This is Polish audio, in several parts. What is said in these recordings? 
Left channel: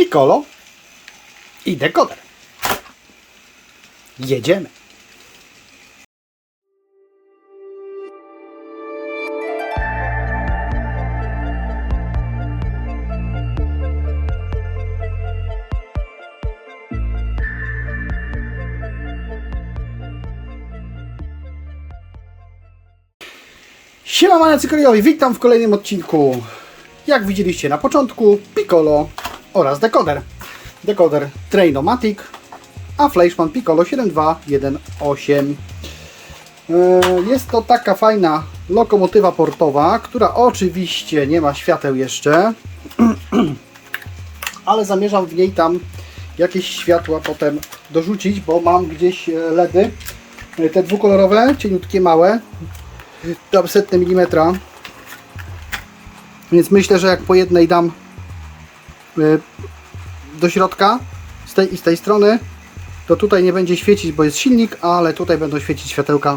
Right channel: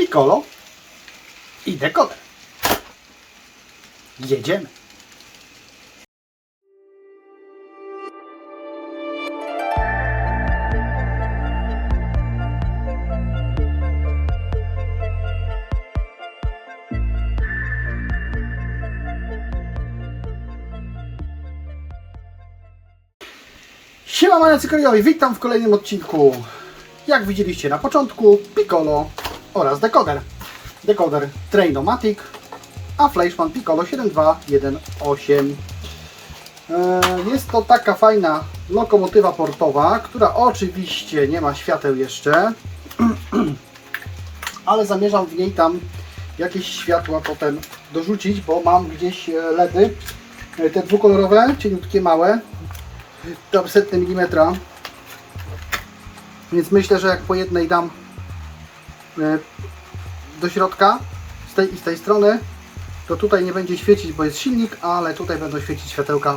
Piccolo i dekoder. Jedziemy. Siema Mane Cyklijowi, witam w kolejnym odcinku. Jak widzieliście na początku, Piccolo oraz dekoder. Dekoder Trainomatic, a Fleischmann Piccolo 7218. Yy, Jest to taka fajna lokomotywa portowa, która oczywiście nie ma świateł jeszcze, ale zamierzam w niej tam jakieś światła potem dorzucić, bo mam gdzieś e, LEDy, e, te dwukolorowe, cieniutkie, małe, tam setne milimetra. Więc myślę, że jak po jednej dam do środka z tej i z tej strony, to tutaj nie będzie świecić, bo jest silnik, ale tutaj będą świecić światełka,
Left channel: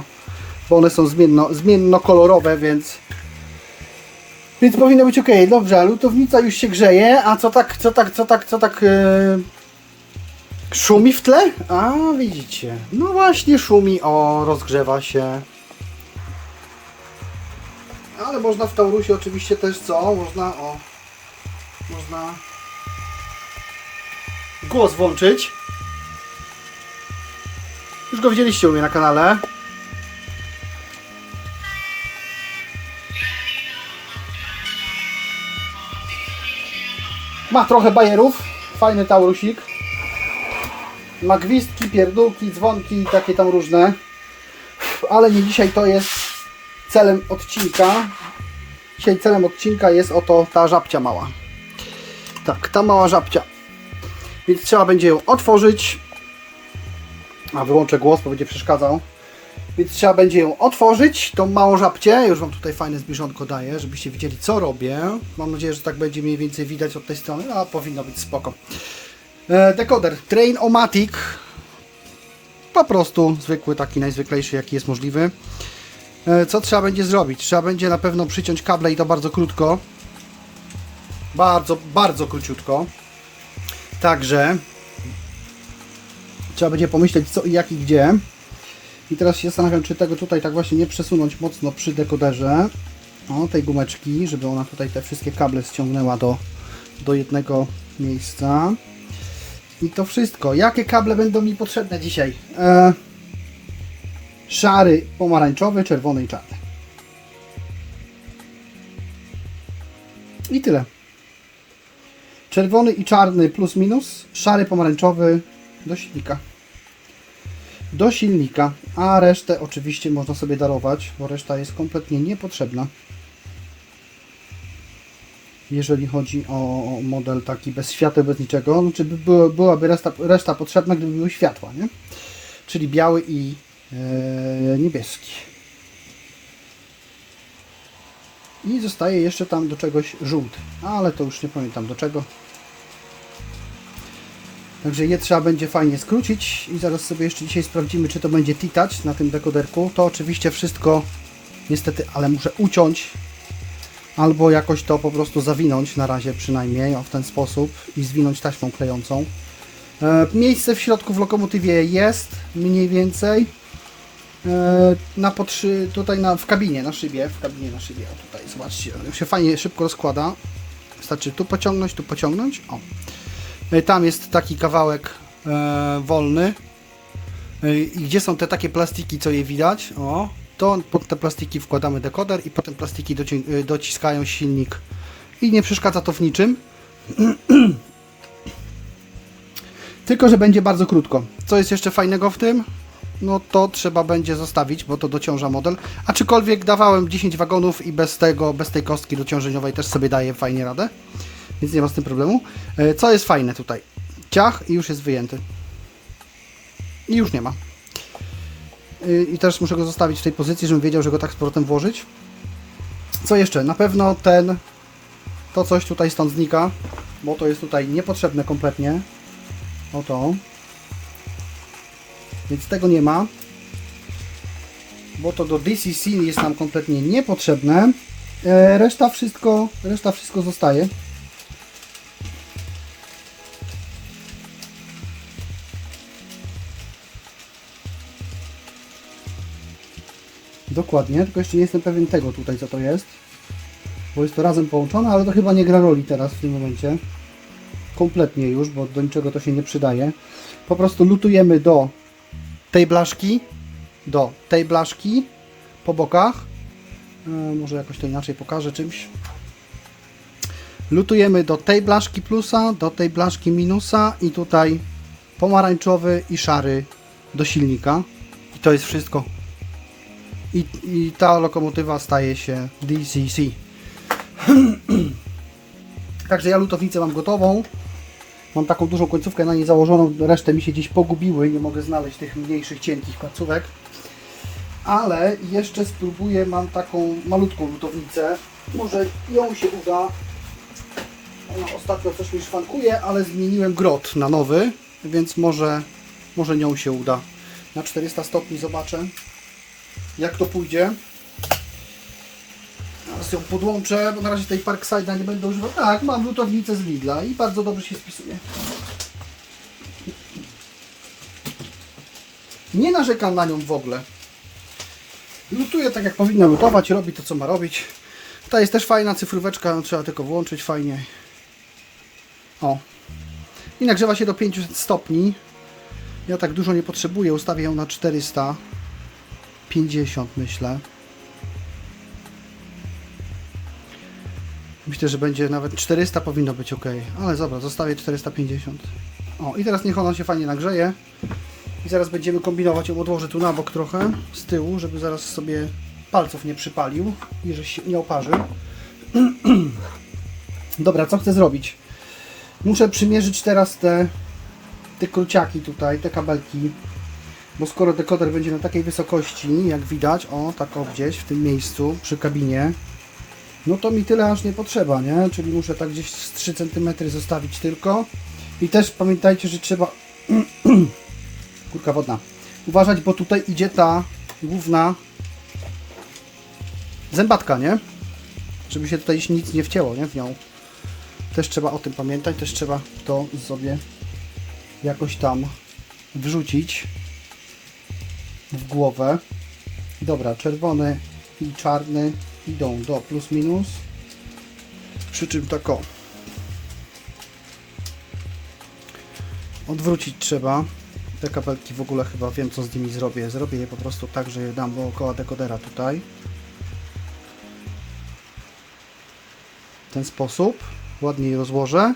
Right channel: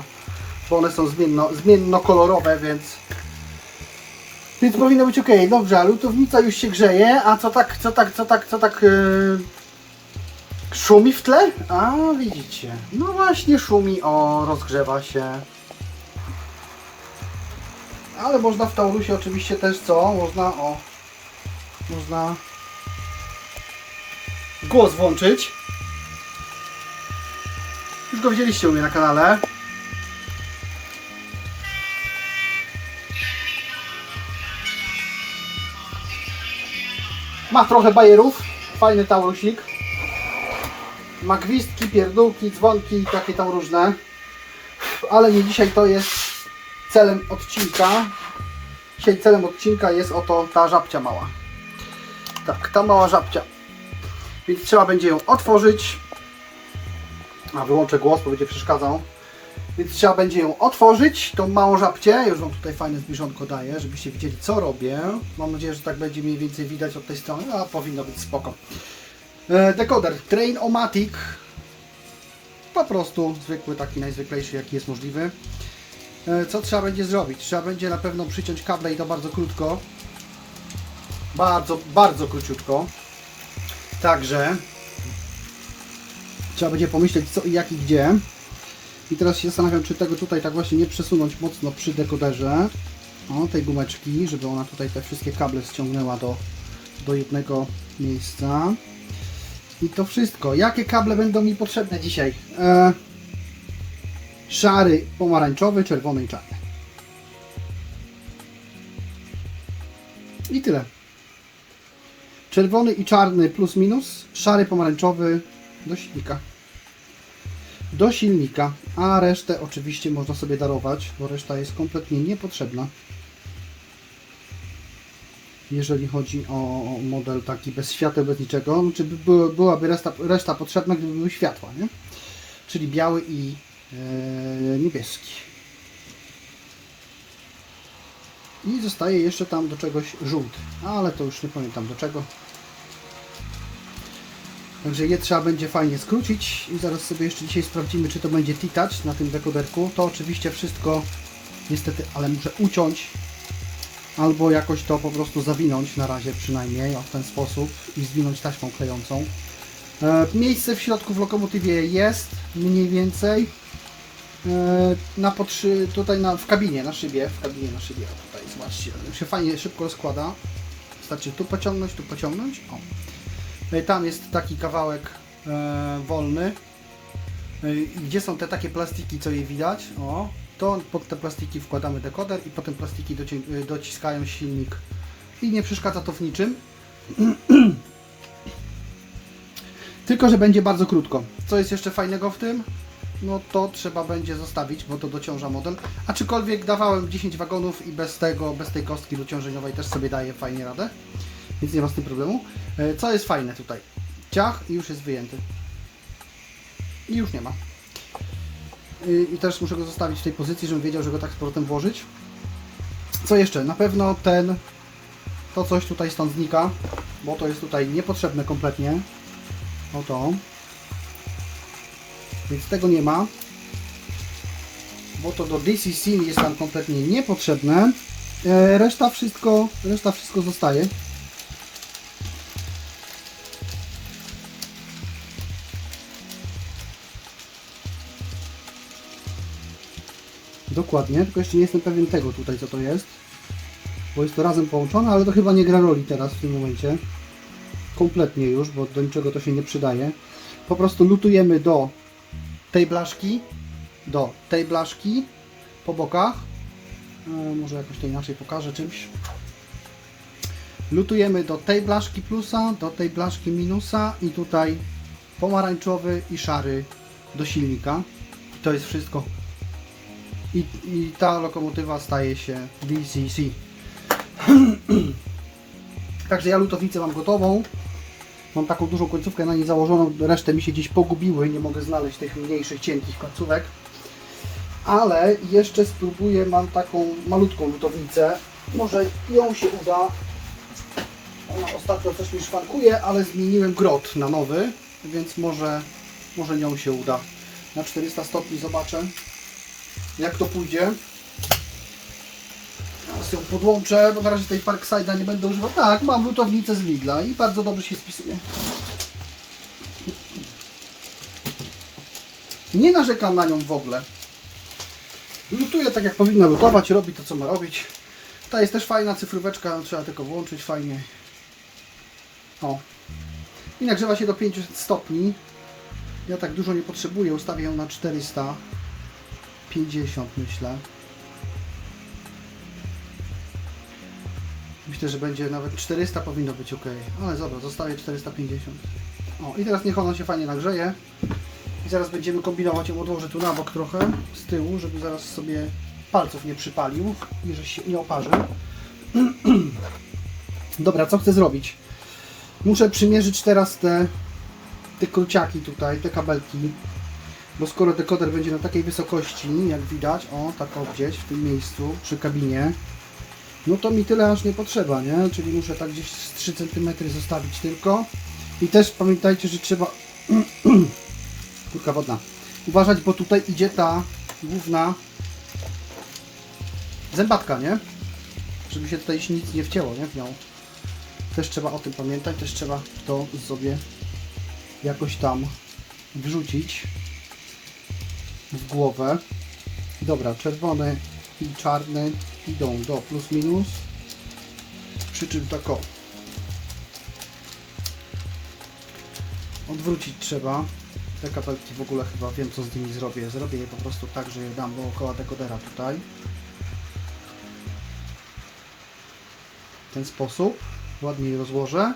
bo one są zmienno, zmiennokolorowe, więc więc powinno być ok. Dobrze, lutownica już się grzeje, a co tak, co tak, co tak, co tak yy, szumi w tle? A widzicie, no właśnie szumi, o rozgrzewa się. Ale można w Taurusie oczywiście też co? Można o. Można głos włączyć. Już go widzieliście u mnie na kanale. Ma trochę bajerów. Fajny Taurusik. Ma gwizdki, pierdółki, dzwonki i takie tam różne. Ale nie dzisiaj to jest celem odcinka. Dzisiaj celem odcinka jest oto ta żabcia mała. Tak, ta mała żabcia. Więc trzeba będzie ją otworzyć. A wyłączę głos, bo będzie przeszkadzał. Więc trzeba będzie ją otworzyć, tą małą żabcię. Już Wam tutaj fajne zbliżonko daję, żebyście widzieli co robię. Mam nadzieję, że tak będzie mniej więcej widać od tej strony, a powinno być spoko. E, dekoder Train-O-Matic. Po prostu zwykły, taki najzwyklejszy jaki jest możliwy. E, Co trzeba będzie zrobić? Trzeba będzie na pewno przyciąć kable i to bardzo krótko. Bardzo, bardzo króciutko. Także trzeba będzie pomyśleć co i jak i gdzie. I teraz się zastanawiam, czy tego tutaj tak właśnie nie przesunąć mocno przy dekoderze. O, tej gumeczki, żeby ona tutaj te wszystkie kable ściągnęła do, do jednego miejsca. I to wszystko. Jakie kable będą mi potrzebne dzisiaj? E, szary, pomarańczowy, czerwony i czarny. I tyle. Czerwony i czarny plus minus, szary, pomarańczowy do silnika. Do silnika, a resztę oczywiście można sobie darować, bo reszta jest kompletnie niepotrzebna. Jeżeli chodzi o model taki bez świateł, bez niczego, znaczy byłaby reszta, reszta potrzebna, gdyby były światła, nie? Czyli biały i e, niebieski. I zostaje jeszcze tam do czegoś żółty, ale to już nie pamiętam do czego. Także je trzeba będzie fajnie skrócić i zaraz sobie jeszcze dzisiaj sprawdzimy, czy to będzie T-Touch na tym dekoderku. To oczywiście wszystko niestety, ale muszę uciąć albo jakoś to po prostu zawinąć na razie przynajmniej w ten sposób i zwinąć taśmą klejącą. E, miejsce w środku w lokomotywie jest mniej więcej na potrzy, tutaj na, w kabinie, na szybie, w kabinie na szybie, o tutaj zobaczcie, się fajnie szybko rozkłada. Wystarczy tu pociągnąć, tu pociągnąć, o. E, Tam jest taki kawałek e, wolny. E, I gdzie są te takie plastiki, co je widać? O, to pod te plastiki wkładamy dekoder i potem plastiki docią- e, dociskają silnik. I nie przeszkadza to w niczym. Tylko, że będzie bardzo krótko. Co jest jeszcze fajnego w tym? No to trzeba będzie zostawić, bo to dociąża model. Aczkolwiek dawałem 10 wagonów i bez tego, bez tej kostki dociążeniowej też sobie daje fajnie radę więc nie ma z tym problemu. E, Co jest fajne tutaj? Ciach i już jest wyjęty. I już nie ma. Y, I też muszę go zostawić w tej pozycji, żebym wiedział, że go tak z powrotem włożyć. Co jeszcze? Na pewno ten, to coś tutaj stąd znika, bo to jest tutaj niepotrzebne kompletnie. O to. Więc tego nie ma. Bo to do DCC jest nam kompletnie niepotrzebne. E, reszta wszystko, reszta wszystko zostaje. Dokładnie, tylko jeszcze nie jestem pewien tego tutaj, co to jest. Bo jest to razem połączone, ale to chyba nie gra roli teraz w tym momencie. Kompletnie już, bo do niczego to się nie przydaje. Po prostu lutujemy do tej blaszki, do tej blaszki po bokach. E, może jakoś to inaczej pokażę czymś. Lutujemy do tej blaszki plusa, do tej blaszki minusa i tutaj pomarańczowy i szary do silnika. I to jest wszystko. I, i ta lokomotywa staje się DCC. Także ja lutownicę mam gotową. Mam taką dużą końcówkę na niej założoną, resztę mi się gdzieś pogubiły i nie mogę znaleźć tych mniejszych, cienkich placówek. Ale jeszcze spróbuję, mam taką malutką lutownicę. Może ją się uda. Ona ostatnio coś mi szwankuje, ale zmieniłem grot na nowy, więc może, może nią się uda. Na 400 stopni zobaczę, jak to pójdzie. Teraz ją podłączę, bo na razie tej Parkside'a nie będę używał. Tak, mam lutownicę z Lidla i bardzo dobrze się spisuje. Nie narzekam na nią w ogóle. Lutuje tak jak powinna lutować, robi to co ma robić. Ta jest też fajna cyfróweczka, trzeba tylko włączyć fajnie. O. I nagrzewa się do 500 stopni. Ja tak dużo nie potrzebuję, ustawię ją na 450 myślę. Myślę, że będzie nawet 400 powinno być ok, ale dobra, zostawię 450. O, i teraz niech ona się fajnie nagrzeje. I zaraz będziemy kombinować, ją odłożę tu na bok trochę, z tyłu, żeby zaraz sobie palców nie przypalił i że się nie oparzy. Dobra, co chcę zrobić? Muszę przymierzyć teraz te, te kruciaki tutaj, te kabelki. Bo skoro dekoder będzie na takiej wysokości, jak widać, o, tak o gdzieś w tym miejscu, przy kabinie, no to mi tyle aż nie potrzeba, nie? Czyli muszę tak gdzieś z 3 cm zostawić tylko. I też pamiętajcie, że trzeba... Kurka wodna. Uważać, bo tutaj idzie ta główna zębatka, nie? Żeby się tutaj nic nie wcięło, nie? W nią. Też trzeba o tym pamiętać, też trzeba to sobie jakoś tam wrzucić w głowę. Dobra, czerwony i czarny idą do plus minus. Przy czym tak o. Odwrócić trzeba. Te kapelki w ogóle chyba wiem co z nimi zrobię. Zrobię je po prostu tak, że je dam dookoła dekodera tutaj. W ten sposób. Ładnie je rozłożę.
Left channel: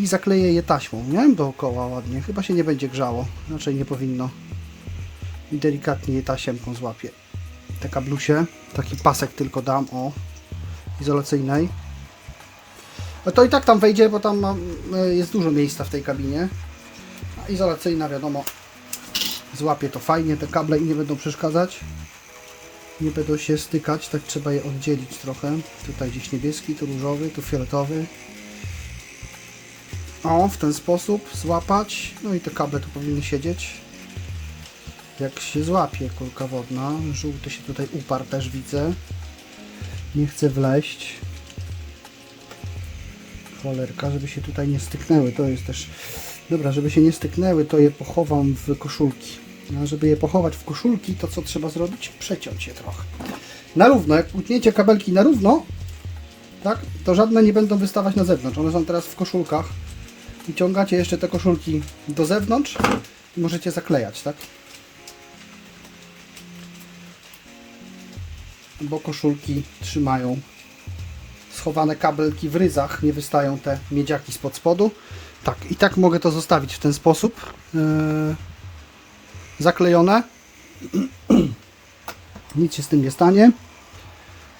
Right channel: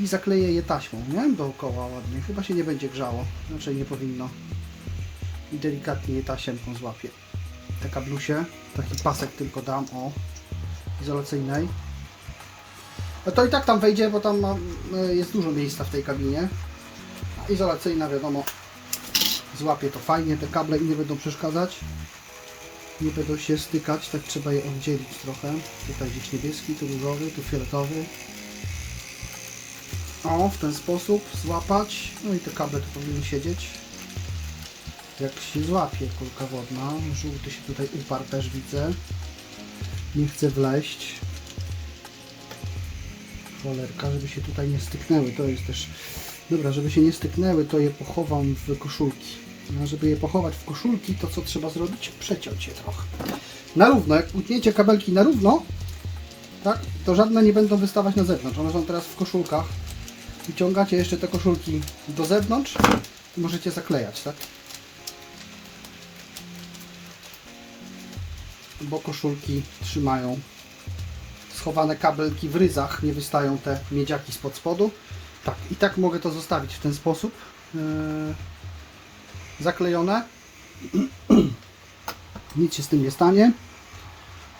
I zakleję je taśmą, nie? Dookoła ładnie. Chyba się nie będzie grzało. Raczej nie powinno. I delikatnie je tasiemką złapię. Te kablusie. Taki pasek tylko dam, o. Izolacyjnej. A to i tak tam wejdzie, bo tam mam, y, jest dużo miejsca w tej kabinie. Izolacyjna, wiadomo, złapie to fajnie, te kable i nie będą przeszkadzać. Nie będą się stykać, tak trzeba je oddzielić trochę. Tutaj gdzieś niebieski, tu różowy, tu fioletowy. O, w ten sposób złapać. No i te kable tu powinny siedzieć. Jak się złapie kulka wodna. Żółty się tutaj uparł też widzę. Nie chce wleść. Cholerka, żeby się tutaj nie styknęły. To jest też... Dobra, żeby się nie styknęły, to je pochowam w koszulki. A żeby je pochować w koszulki, to co trzeba zrobić? Przeciąć je trochę. Na równo. Jak utniecie kabelki na równo, tak, to żadne nie będą wystawać na zewnątrz. One są teraz w koszulkach. Wyciągacie jeszcze te koszulki do zewnątrz i możecie zaklejać, tak? Bo koszulki trzymają schowane kabelki w ryzach, nie wystają te miedziaki spod spodu. Tak, i tak mogę to zostawić w ten sposób. Yy, zaklejone. Nic się z tym nie stanie.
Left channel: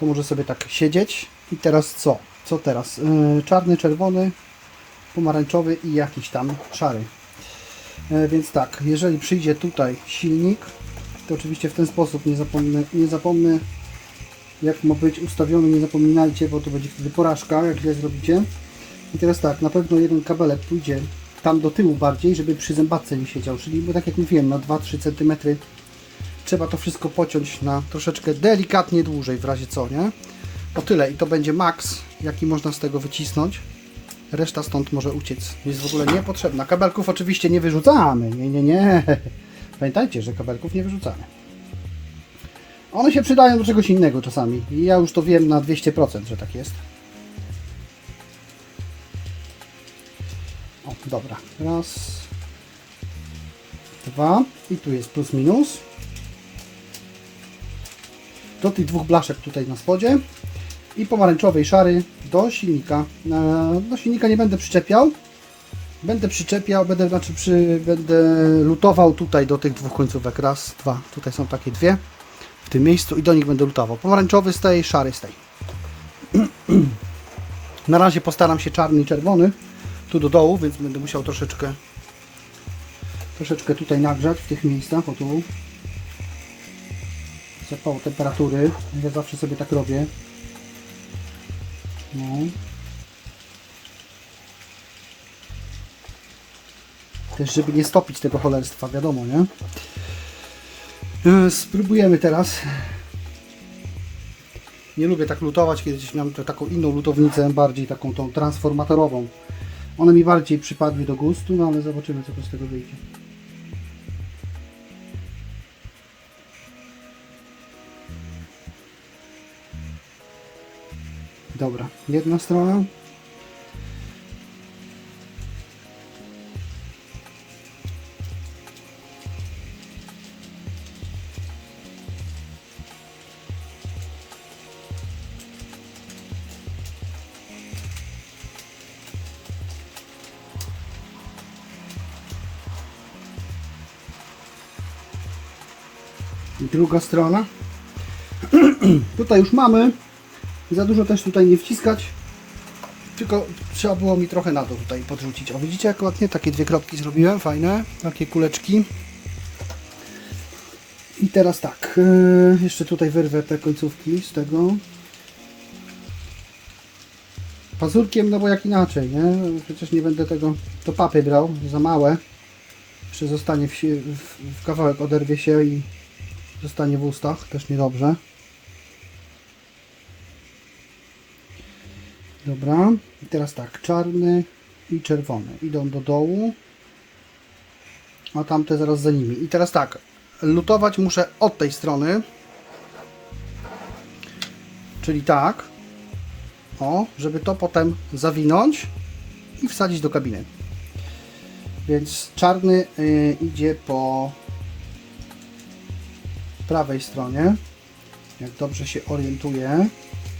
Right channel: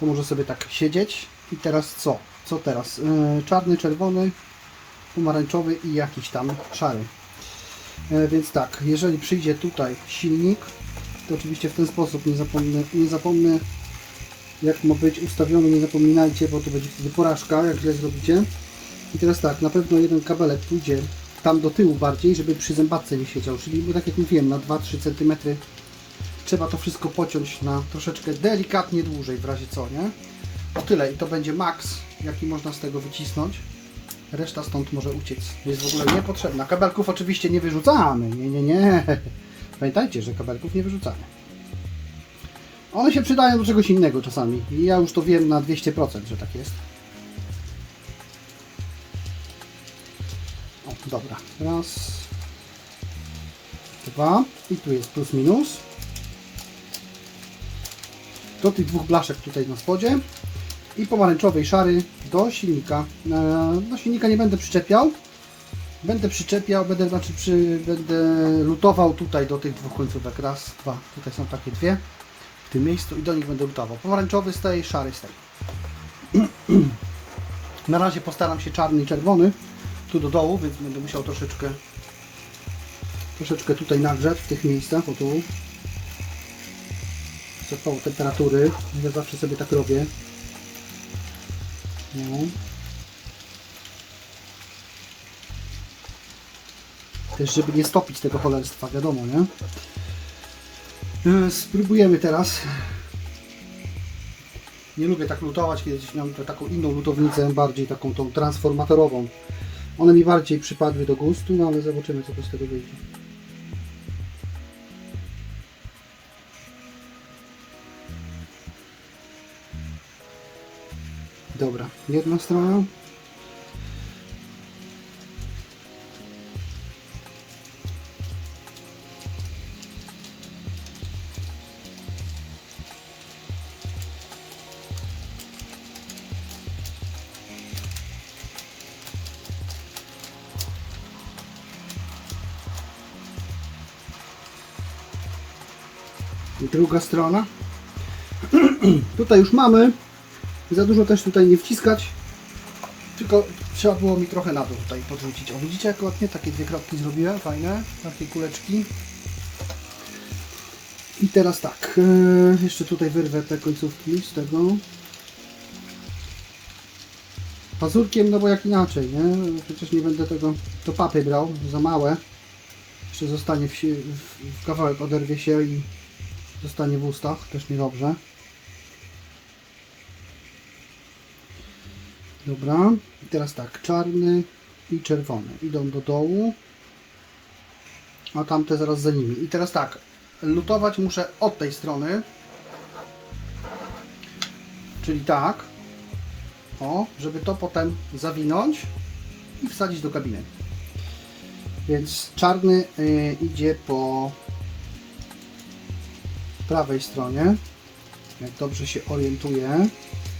To może sobie tak siedzieć. I teraz co? Co teraz? Yy, czarny, czerwony, pomarańczowy i jakiś tam szary. Yy, więc tak, jeżeli przyjdzie tutaj silnik, to oczywiście w ten sposób nie zapomnę, nie zapomnę jak ma być ustawiony, nie zapominajcie, bo to będzie wtedy porażka, jak źle zrobicie. I teraz tak, na pewno jeden kabelek pójdzie tam do tyłu bardziej, żeby przy zębatce nie siedział, czyli bo tak jak mówiłem, na 2-3 cm trzeba to wszystko pociąć na troszeczkę delikatnie dłużej, w razie co, nie? O tyle i to będzie maks, jaki można z tego wycisnąć. Reszta stąd może uciec. Jest w ogóle niepotrzebna. Kabelków oczywiście nie wyrzucamy. Nie, nie, nie. Pamiętajcie, że kabelków nie wyrzucamy. One się przydają do czegoś innego czasami. I ja już to wiem na 200%, że tak jest. O, dobra. Raz. Dwa. I tu jest plus minus. Do tych dwóch blaszek tutaj na spodzie. I pomarańczowy i szary do silnika. Do silnika nie będę przyczepiał. Będę przyczepiał, będę, znaczy przy, będę lutował tutaj do tych dwóch końcówek. Raz, dwa. Tutaj są takie dwie w tym miejscu i do nich będę lutował. Pomarańczowy z tej, szary z tej. Na razie postaram się czarny i czerwony tu do dołu, więc będę musiał troszeczkę troszeczkę tutaj nagrzać w tych miejscach, o tu. Zapał temperatury. Ja zawsze sobie tak robię. No. Też, żeby nie stopić tego cholerstwa, wiadomo, nie? Yy, Spróbujemy teraz. Nie lubię tak lutować, kiedyś miałem taką inną lutownicę, bardziej taką tą transformatorową. One mi bardziej przypadły do gustu, no ale zobaczymy co z tego wyjdzie. Dobra, jedna strona. Druga strona. tutaj już mamy. Za dużo też tutaj nie wciskać. Tylko trzeba było mi trochę na dół tutaj podrzucić. O widzicie jak ładnie takie dwie kropki zrobiłem, fajne. Takie kuleczki. I teraz tak. Yy, jeszcze tutaj wyrwę te końcówki z tego. Pazurkiem, no bo jak inaczej, nie? Przecież nie będę tego do papy brał, za małe. Jeszcze zostanie w, w, w kawałek oderwie się i zostanie w ustach, też niedobrze. Dobra, i teraz tak, czarny i czerwony idą do dołu, a tamte zaraz za nimi. I teraz tak, lutować muszę od tej strony, czyli tak, o, żeby to potem zawinąć i wsadzić do kabiny. Więc czarny y, idzie po prawej stronie, jak dobrze się orientuję,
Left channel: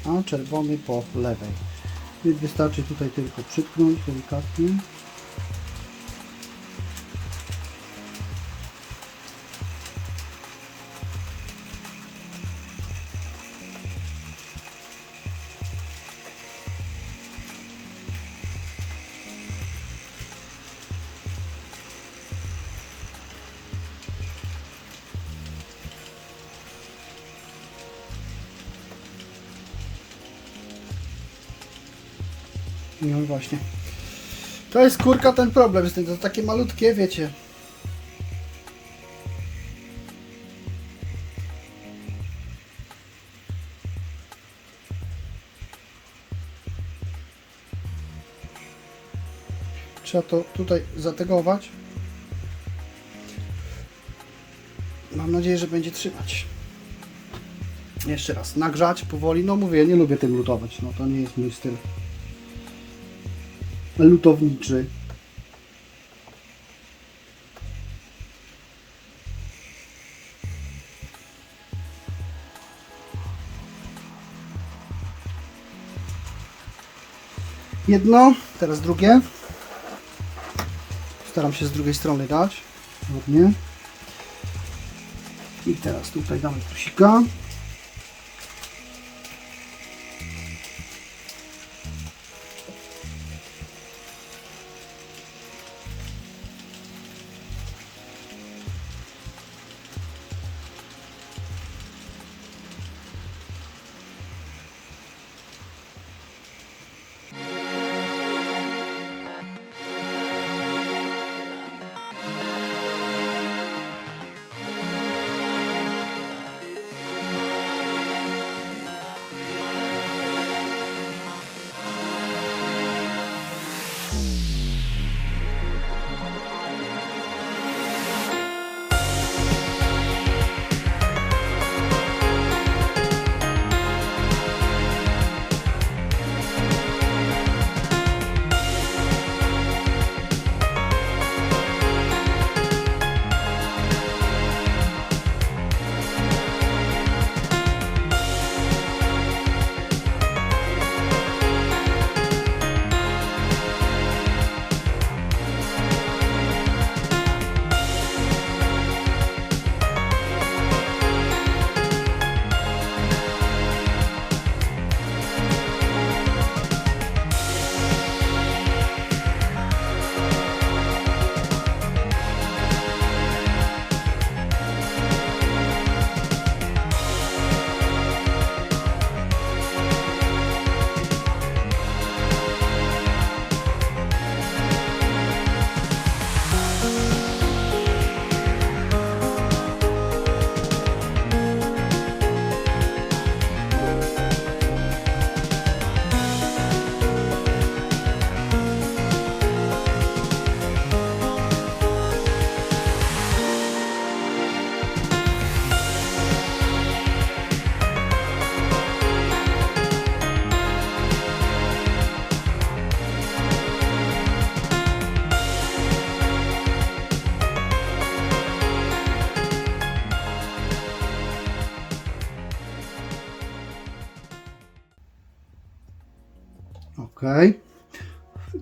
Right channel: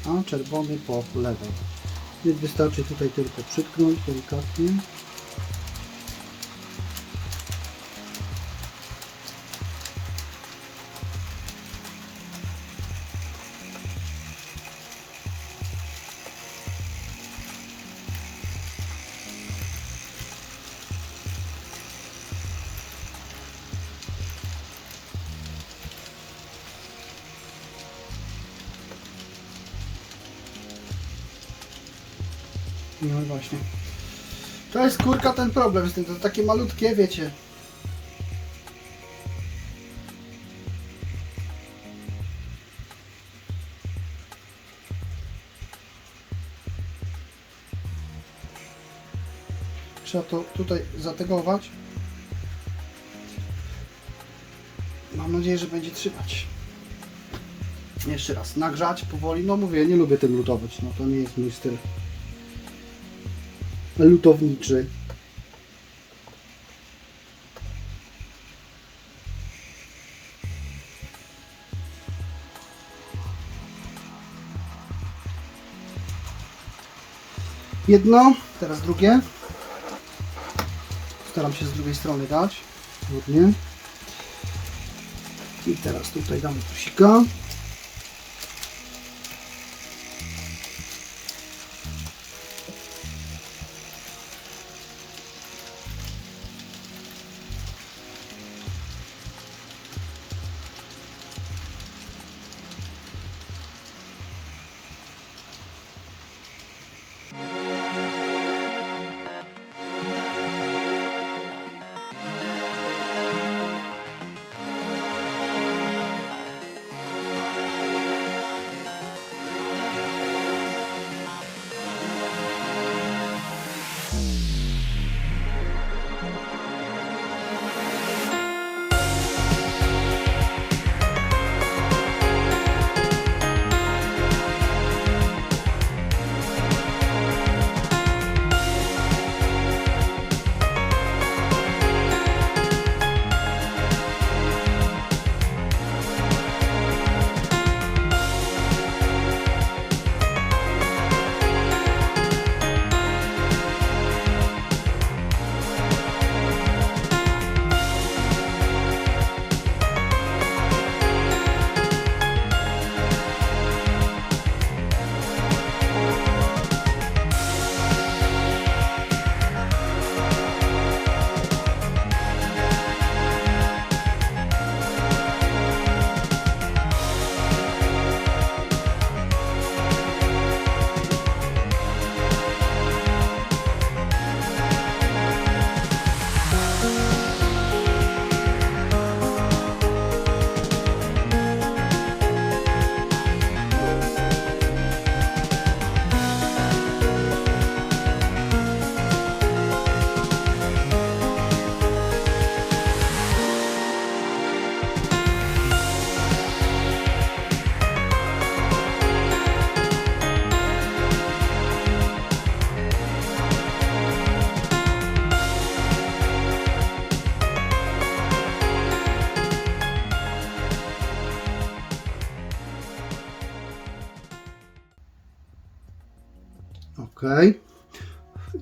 a czerwony po lewej. Więc wystarczy tutaj tylko przytknąć delikatnie. No właśnie. To jest kurka ten problem z tym, to takie malutkie, wiecie. Trzeba to tutaj zategować. Mam nadzieję, że będzie trzymać. Jeszcze raz, nagrzać powoli. No mówię, nie lubię tym lutować. No to nie jest mój styl lutowniczy. Jedno, teraz drugie. Staram się z drugiej strony dać. Ładnie. I teraz tutaj damy plusika.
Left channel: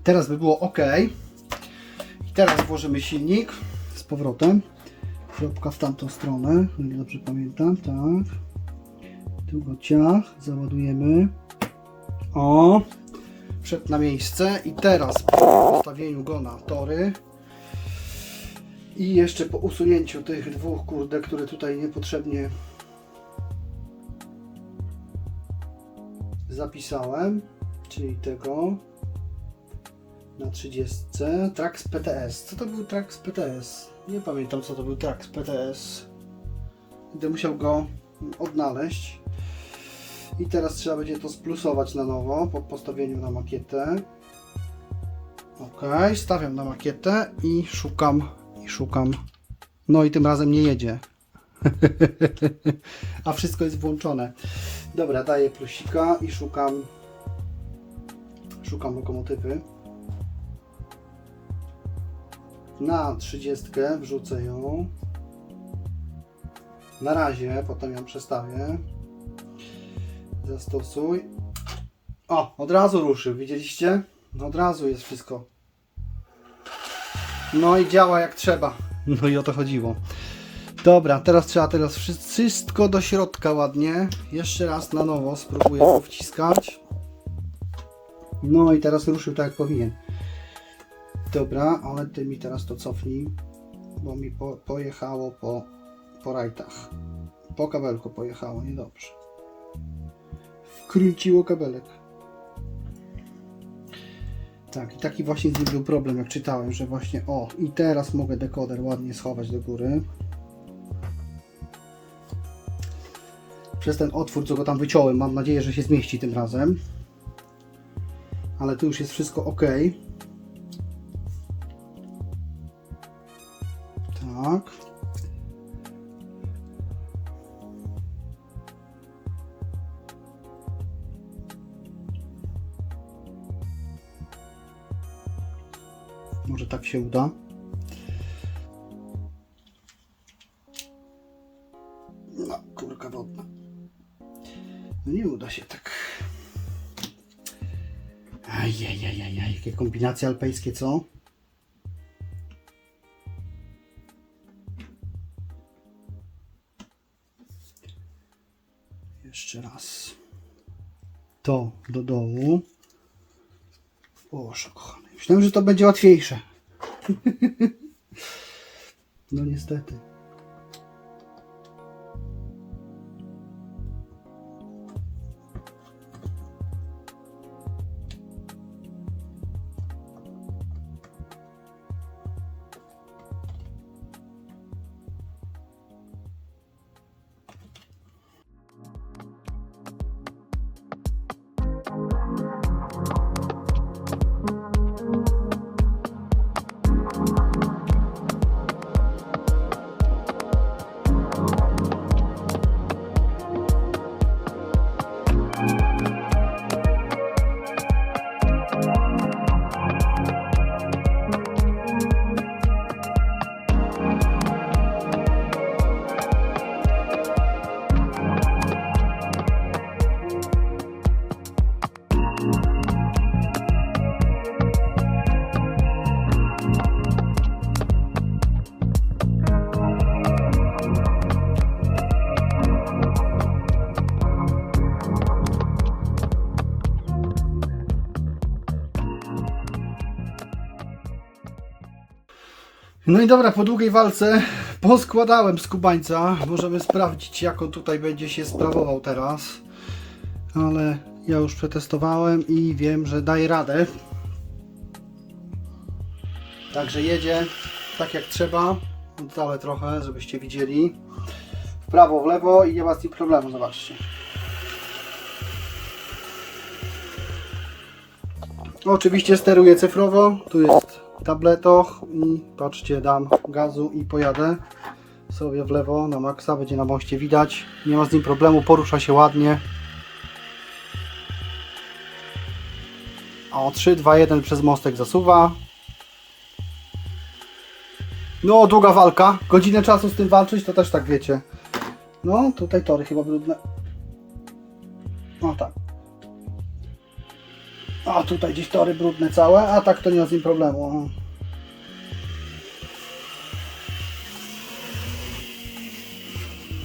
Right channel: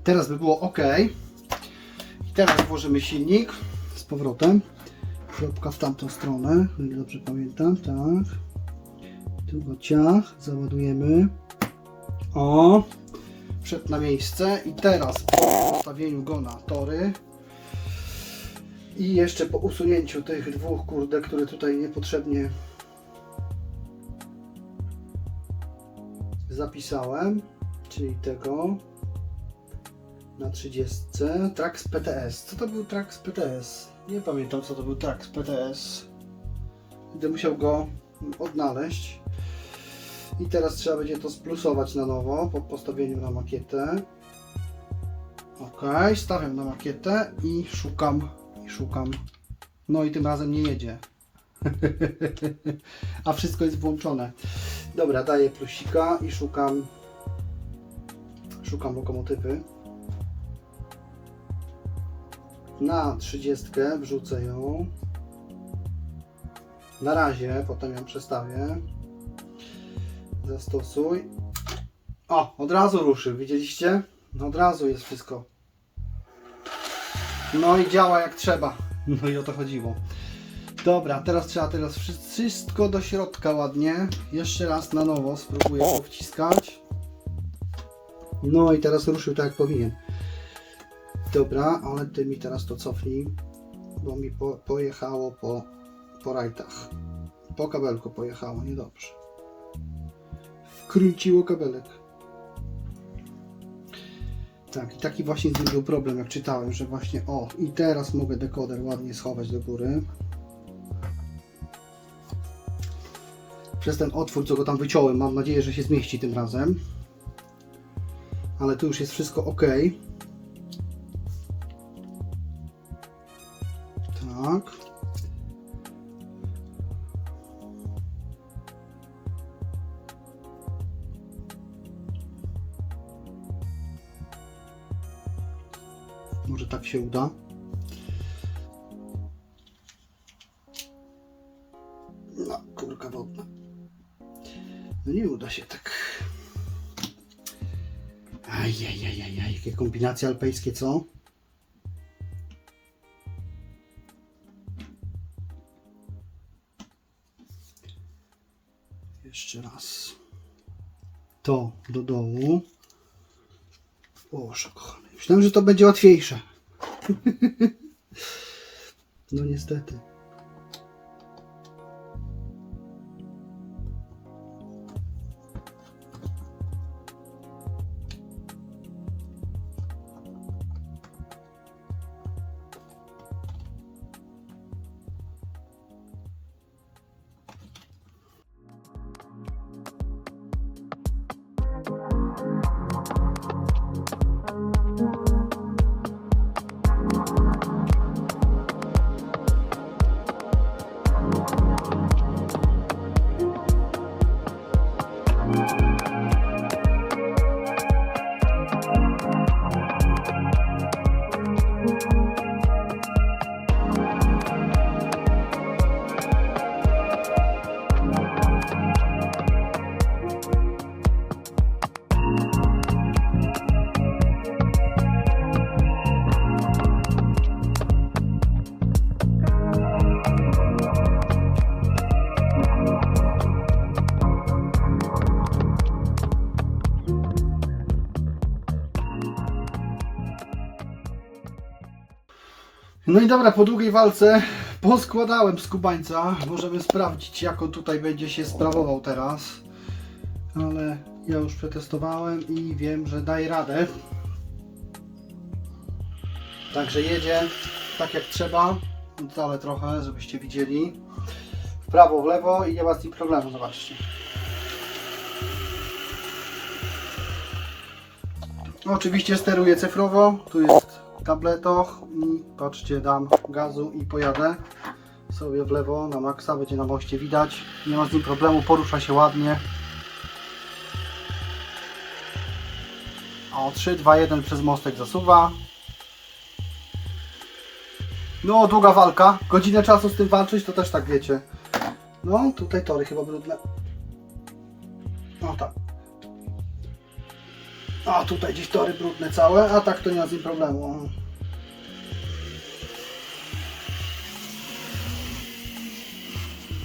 Teraz by było ok. I teraz włożymy silnik z powrotem. Kropka w tamtą stronę, o ile dobrze pamiętam, tak. Tu go ciach, załadujemy. O, wszedł na miejsce i teraz po postawieniu go na tory i jeszcze po usunięciu tych dwóch kurde, które tutaj niepotrzebnie zapisałem, czyli tego na 30. Trax PTS. Co to był Trax PTS? Nie pamiętam co to był Trax PTS. Będę musiał go odnaleźć. I teraz trzeba będzie to splusować na nowo po postawieniu na makietę. Ok, stawiam na makietę i szukam, i szukam. No i tym razem nie jedzie. A wszystko jest włączone. Dobra, daję plusika i szukam szukam lokomotywy. Na 30 wrzucę ją. Na razie, potem ją przestawię. Zastosuj. O, od razu ruszył, widzieliście? Od razu jest wszystko. No i działa jak trzeba. No i o to chodziło. Dobra, teraz trzeba teraz wszy- wszystko do środka ładnie. Jeszcze raz na nowo spróbuję to wciskać. No i teraz ruszył tak jak powinien. Dobra, ale ty mi teraz to cofnij, bo mi po, pojechało po, po rajtach. Po kabelku pojechało, niedobrze. Wkręciło kabelek. Tak, i taki właśnie z nim był problem, jak czytałem, że właśnie o, i teraz mogę dekoder ładnie schować do góry. Przez ten otwór, co go tam wyciąłem, mam nadzieję, że się zmieści tym razem. Ale tu już jest wszystko ok. Kombinacje alpejskie, co? Jeszcze raz. To do dołu. Boże kochany. Myślałem, że to będzie łatwiejsze. no niestety. No i dobra, po długiej walce poskładałem skubańca. Możemy sprawdzić, jak on tutaj będzie się sprawował teraz. Ale ja już przetestowałem i wiem, że daje radę. Także jedzie tak jak trzeba. Dalej trochę, żebyście widzieli. W prawo, w lewo i nie ma z tym problemu, zobaczcie. Oczywiście steruję cyfrowo. Tu jest tabletoch i patrzcie, dam gazu i pojadę sobie w lewo na maksa, będzie na moście widać. Nie ma z nim problemu, porusza się ładnie. O 3, 2, 1 przez mostek zasuwa. No, długa walka. Godzinę czasu z tym walczyć, to też tak wiecie. No, tutaj tory chyba brudne. O tak. A tutaj gdzieś tory brudne całe, a tak to nie ma z nim problemu.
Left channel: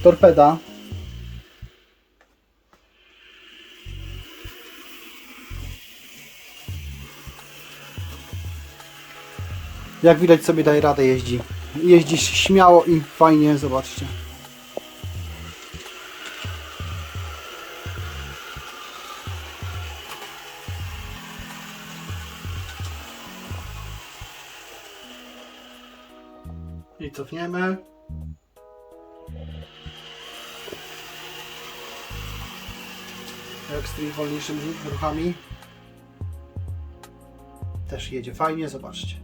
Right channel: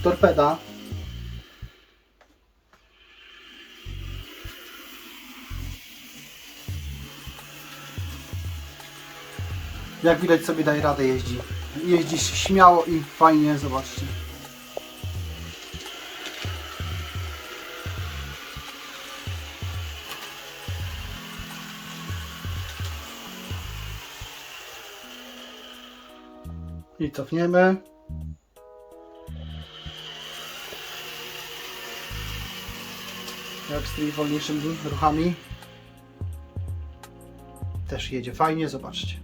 Torpeda. Jak widać sobie daje radę jeździ. Jeździ śmiało i fajnie, zobaczcie. Cofniemy. Jak z tymi wolniejszymi ruchami. Też jedzie fajnie, zobaczcie.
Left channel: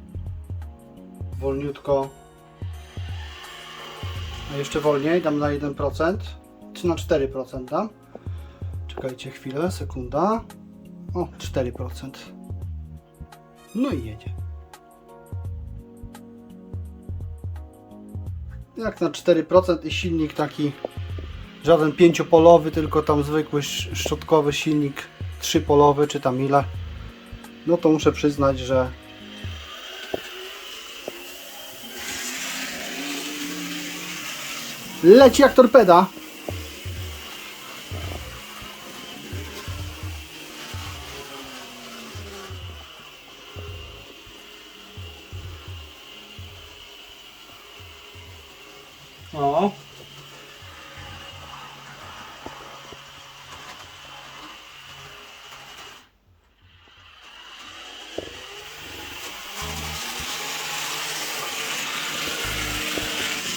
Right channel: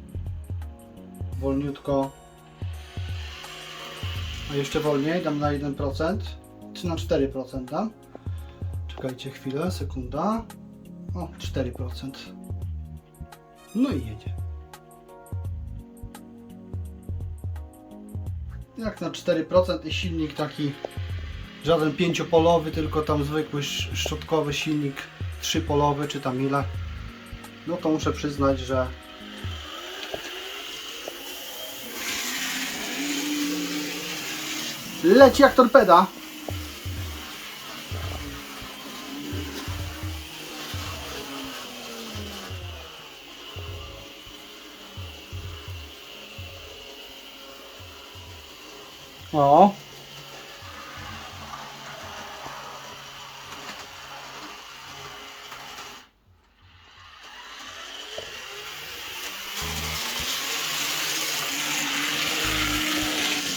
Wolniutko. A jeszcze wolniej, dam na 1%. Czy na 4% dam. Czekajcie chwilę, sekunda. O, 4%. No i jedzie. Jak na 4% i silnik taki żaden pięciopolowy, tylko tam zwykły sz- szczotkowy silnik trzypolowy, czy tam ile. No to muszę przyznać, że leci jak torpeda.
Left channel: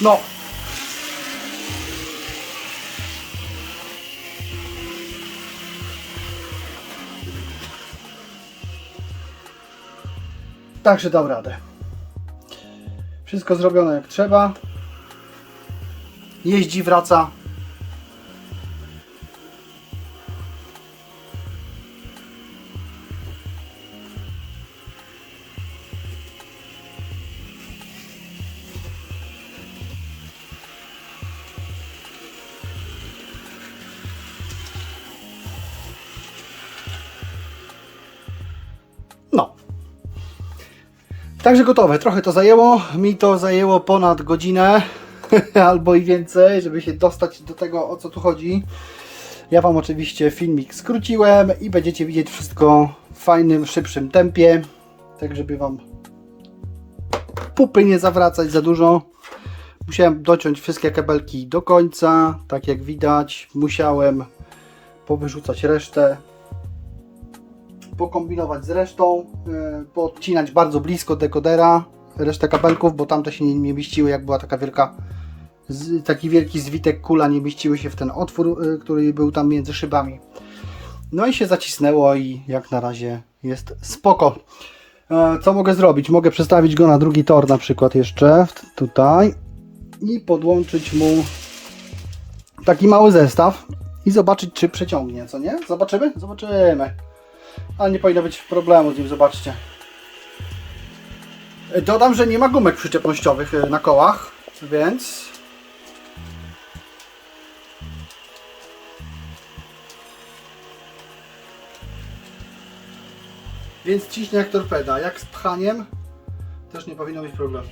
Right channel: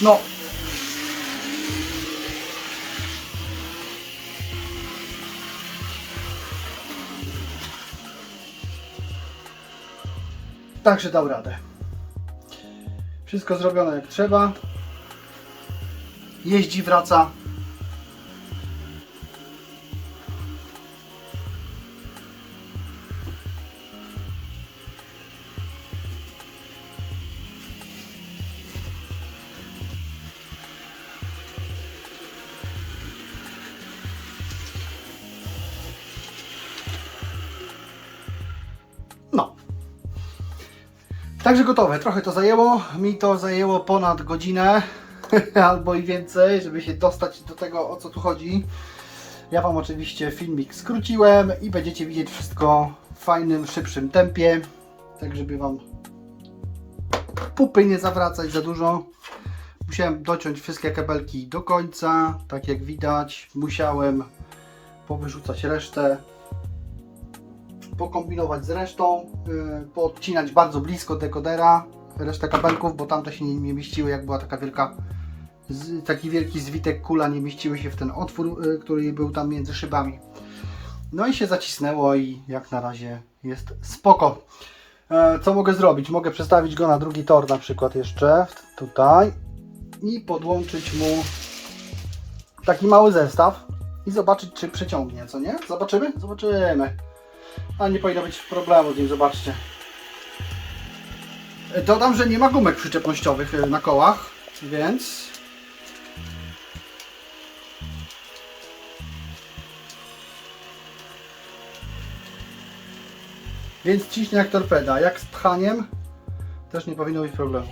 No. Także dał radę. Wszystko zrobione jak trzeba. Jeździ, wraca. Także gotowe. Trochę to zajęło. Mi to zajęło ponad godzinę albo i więcej, żeby się dostać do tego, o co tu chodzi. Ja Wam oczywiście filmik skróciłem i będziecie widzieć wszystko w fajnym, szybszym tempie. Tak, żeby Wam pupy nie zawracać za dużo. Musiałem dociąć wszystkie kabelki do końca, tak jak widać. Musiałem powyrzucać resztę pokombinować z resztą, yy, poodcinać bardzo blisko dekodera resztę kabelków, bo tamte się nie, mieściły, jak była taka wielka, taki wielki zwitek kula, nie mieściły się w ten otwór, yy, który był tam między szybami. No i się zacisnęło i jak na razie jest spoko. E, Co mogę zrobić? Mogę przestawić go na drugi tor na przykład jeszcze tutaj i podłączyć mu taki mały zestaw i zobaczyć czy przeciągnie, co nie? Zobaczymy? Zobaczymy. Ale nie powinno być problemu z nim, zobaczcie. E, Dodam, że nie ma gumek przyczepnościowych e, na kołach, więc... Więc ciśnie jak torpeda. Jak z pchaniem też nie powinno być problemu.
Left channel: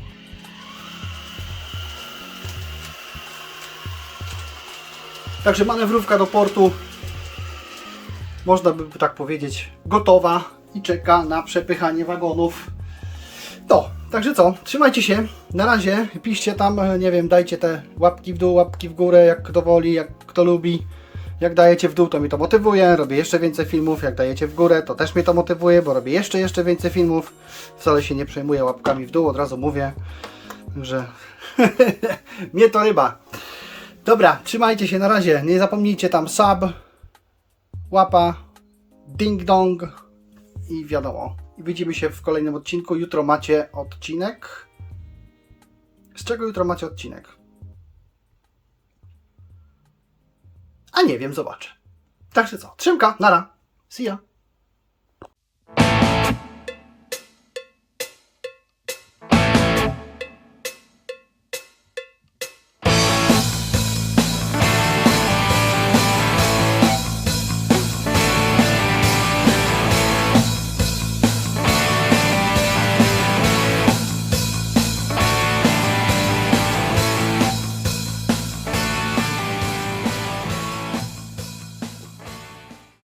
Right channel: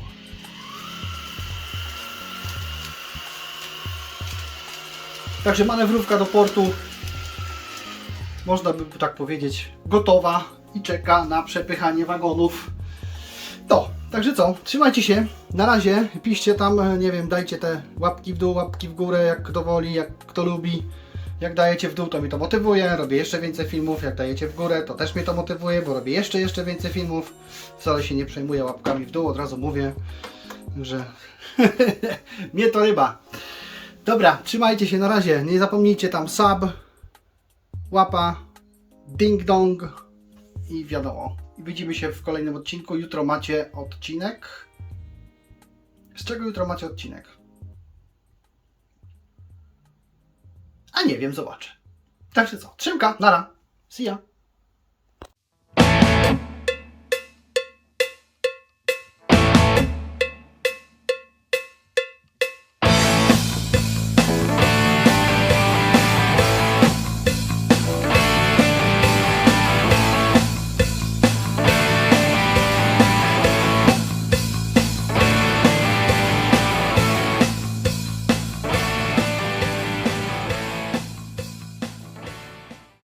Także manewrówka do portu można by tak powiedzieć, gotowa i czeka na przepychanie wagonów. To, także co, trzymajcie się, na razie, piszcie tam, e, nie wiem, dajcie te łapki w dół, łapki w górę, jak kto woli, jak kto lubi. Jak dajecie w dół, to mnie to motywuje, robię jeszcze więcej filmów, jak dajecie w górę, to też mnie to motywuje, bo robię jeszcze, jeszcze więcej filmów. Wcale się nie przejmuję łapkami w dół, od razu mówię, że mnie to ryba. Dobra, trzymajcie się, na razie, nie zapomnijcie tam sub, łapa, ding dong i wiadomo. Widzimy się w kolejnym odcinku. Jutro macie odcinek. Z czego jutro macie odcinek? A nie wiem, zobaczę. Także co, trzymka, nara, see ya.